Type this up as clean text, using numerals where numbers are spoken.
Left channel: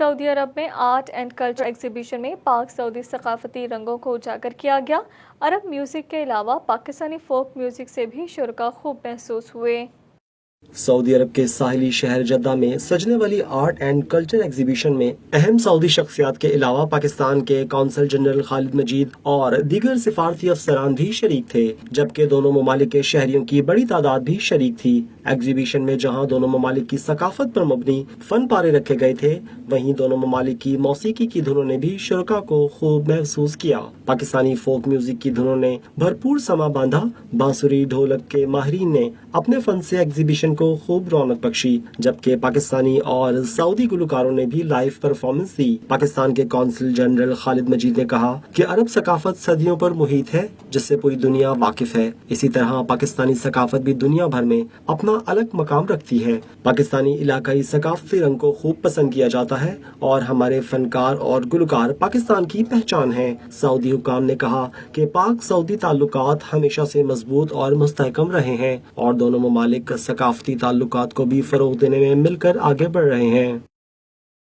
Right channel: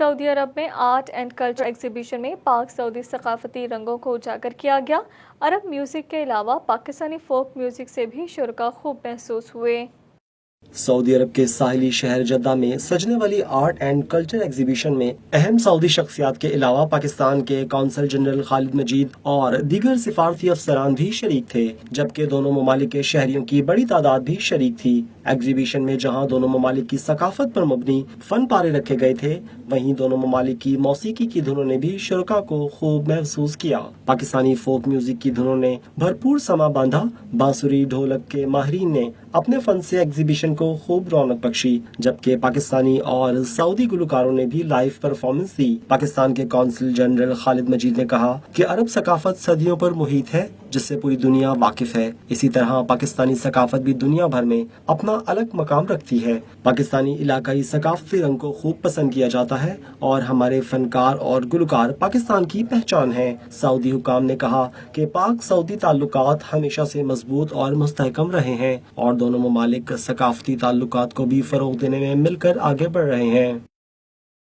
سعودی عرب میں art and culture exhibition میں پاک سعودی ثقافتی رنگوں کو اجاگر کیا گیا۔ عرب میوزک کے علاوہ پاکستانی فوک میوزک سے بھی شرکاء خوب محسوس ہوئے۔ سعودی عرب کے ساحلی شہر جدہ میں سجنے والی آرٹ اینڈ کلچر ایگزیبیشن میں اہم سعودی شخصیات کے علاوہ پاکستان کے قونصل جنرل خالد مجید اور دیگر سفارتی افسران بھی شریک تھے، جبکہ دونوں ممالک کے شہریوں کی بڑی تعداد بھی شریک تھی۔ ایگزیبیشن میں جہاں دونوں ممالک کی ثقافت پر مبنی فن پارے رکھے گئے تھے، وہیں دونوں ممالک کی موسیقی کی دھنوں نے بھی شرکاء کو خوب محسوس کیا۔ پاکستانی فوک میوزک کی دھنوں نے بھرپور سما باندھا۔ بانسری ڈھولک کے ماہرین نے اپنے فن سے ایگزیبیشن کو خوب رونق بخشی، جبکہ پاکستانی اور سعودی گلوکاروں نے بھی لائیو پرفارمنس دی۔ پاکستان کے قونصل جنرل خالد مجید نے کہا کہ عرب ثقافت صدیوں پر محیط ہے، جس سے پوری دنیا واقف ہے۔ اسی طرح پاکستانی ثقافت بھی دنیا بھر میں اپنا الگ مقام رکھتی ہے۔ پاکستانی علاقائی ثقافتی رنگ کو خوب پسند کیا جاتا ہے اور ہمارے فنکار اور گلوکار پاکستان کی پہچان ہیں۔ سعودی حکام نے کہا کہ پاک سعودی تعلقات ہمیشہ سے مضبوط اور مستحکم رہے ہیں اور دونوں ممالک ثقافتی تعلقات کو بھی فروغ دینے میں مل کر آگے بڑھ رہے ہیں۔